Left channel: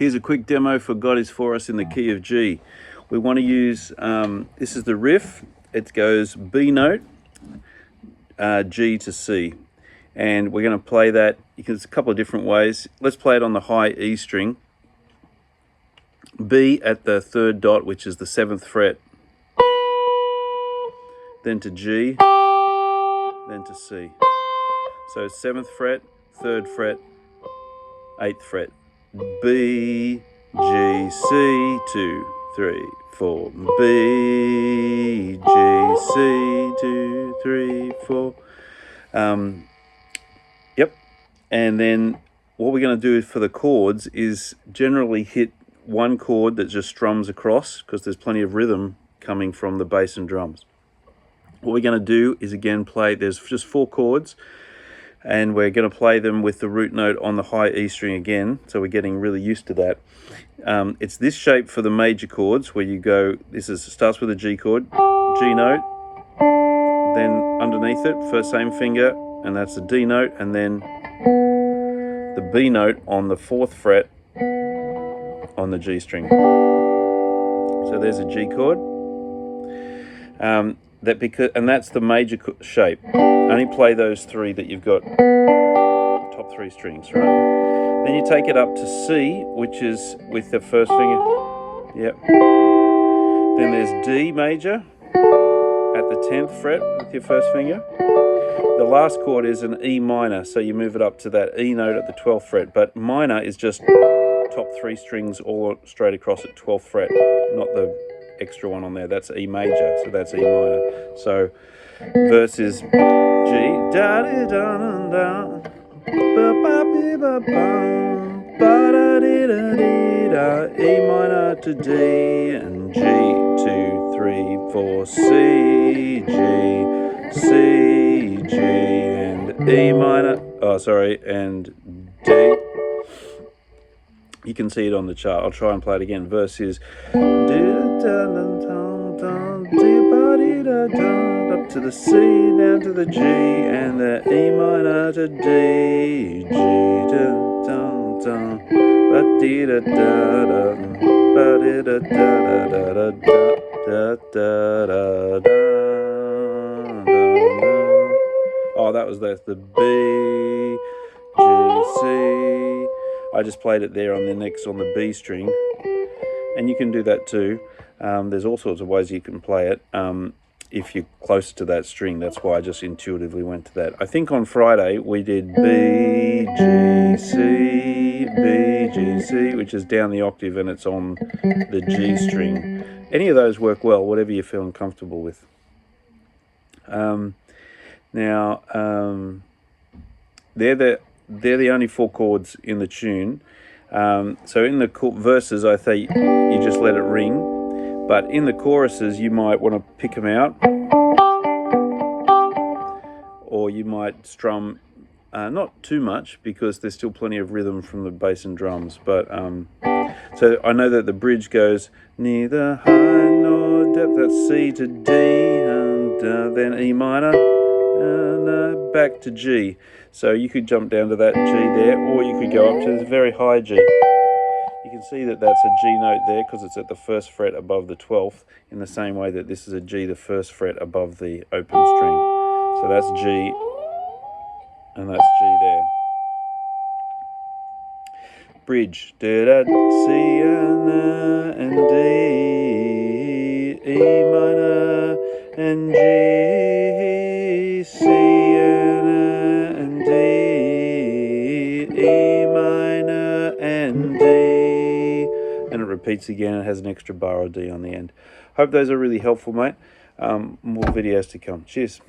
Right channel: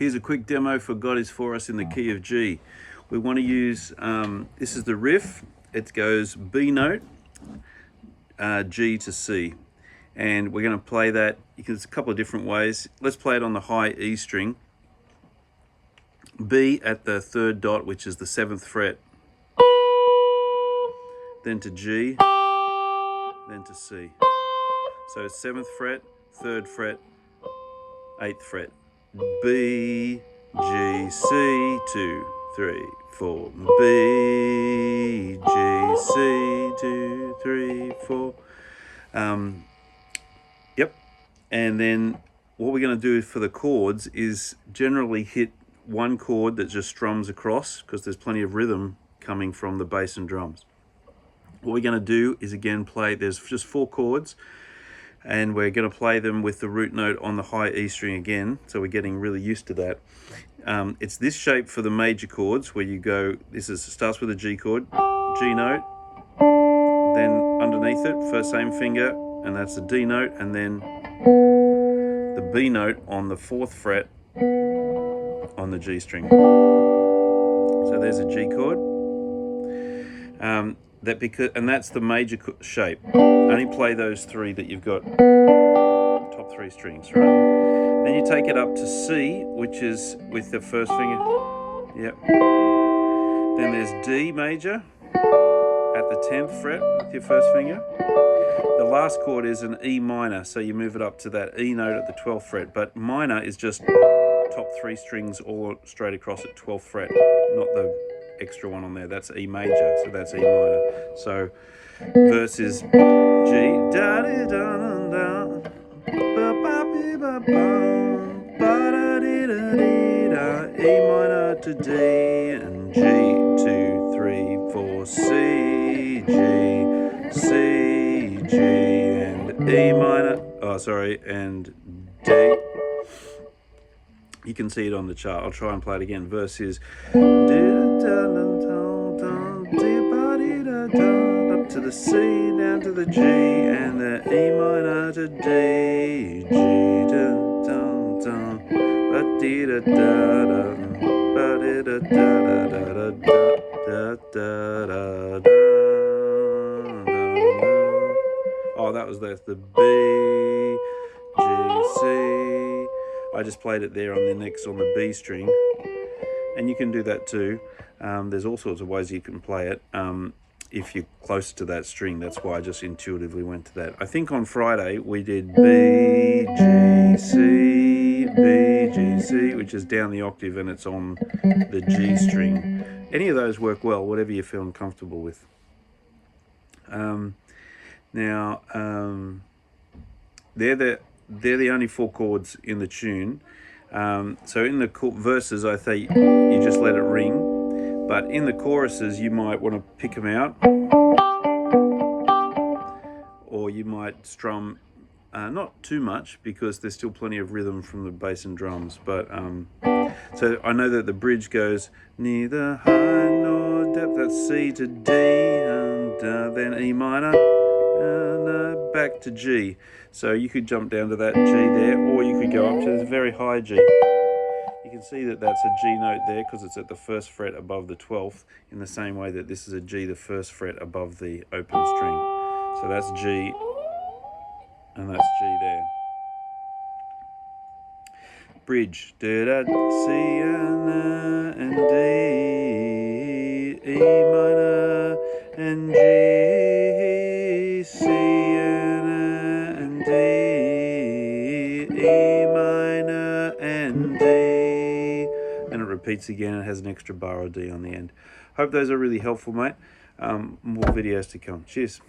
Here's a quick demo for God Is For Us in the key of G. We want to use, this is the riff. It goes B note, G to C. And we're going to play that, there's a couple of different ways. Let's play it on the high E string. B at the third dot, which is the 7th fret. Then to G, then to C. So 7th fret, 3rd fret, 8th fret. B, G, C, 2, 3, 4. B, G, C, 2, 3, 4. Yep. And then what we're going to do for the chords is generally hit one chord that just strums across, because there's plenty of rhythm coming from the bass and drums. What we're going to do is again play, there's just 4 chords, and we're going to play them with the root note on the high E string again, so we're getting really used to that. It's this shape for the major chords, where you go, starts with a G chord, G note, then underneath it, first same finger, and that's the D note, and then the B note on the 4th fret on the G string. So there's a G chord. And that's the major shape. Only play those 3 that you've got, top 3 strings, right? Then you take it up to C, which is with the first finger. Yep. Then there's D major at the 10th fret with your first finger. The last chord is an E minor, so you move it up to that E note at the 12th fret. But minor is just top 3 strings all straight across at 12th fret, not the extra one on there. That's E major, so that's E minor. So verse is G, da da da da, ba ba ba ba, ba da di da di da, E minor to D, and G 2 3 4 C G C G and E minor. Oh, sorry, and D. You can see it on the chart. I'll try and play it again. Verse is up to the C, down to the G, and the E minor to D. G ba dee da da da, ba dee da da da da da da da. Oh, that was the B, G, C. I just played it there on the next on the B string, and you can do that too. There's all sorts of ways you can play it if you're closer to that string. That's why I just intuitively went to that. I think on Friday we did B, G, C, which is down the octave and it's on the G string. Any of those work well, whatever you're feeling comfortable with. They're the only 4 chords in the tune. So in the verses, I think you just let it ring. But in the choruses, you might want to pick them out. Or you might strum, not too much, because there's still plenty of rhythm from the bass and drums. But so I know that the bridge goes neither high nor depth. That's C to D, and then E minor. And back to G. So you could jump down to that G there, or you could go up to this very high G. You can see that that's a G note there because it's at the 1st fret above the 12th, in the same way that this is a G, the 1st fret above the open string. So that's G, and that's G there. Bridge. Da da C and D, E minor and G, C and D, E minor and D. Then it repeats again. It has an extra bar of D on the end. Hope those are really helpful, mate. More videos to come. Cheers.